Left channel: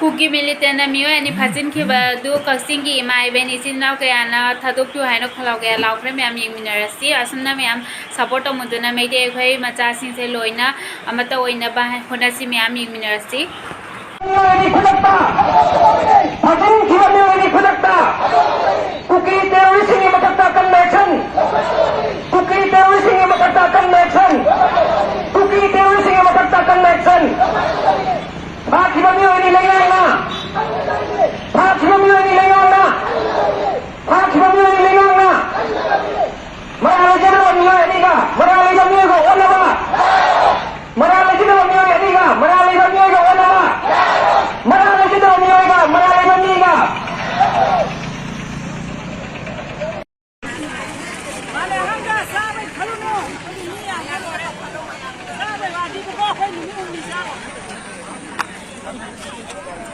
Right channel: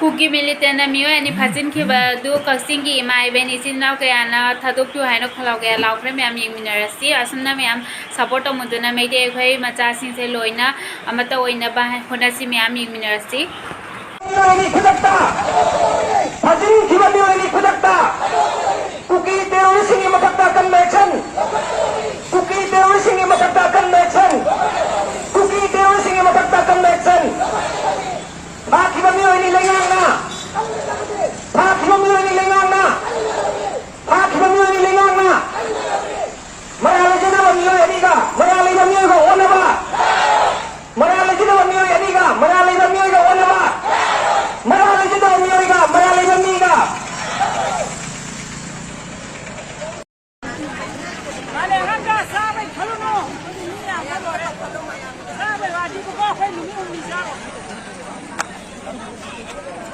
cookie militant मियो अनि फाजिन खिबा दु कसिंगी माइ बेनि सिनाव कयाना थादुक तु हाइनो खलाव गया लावख्रे म्याम यिंगमिनारसि असमना म्याम सपोर्ट मुदुना मेदे खै मचा सिंसे लोइना अमता ओइना बा होनासि म्याम यिंगमिनारसि Hãy subscribe cho kênh Ghiền Mì Gõ để không bỏ lỡ những video hấp dẫn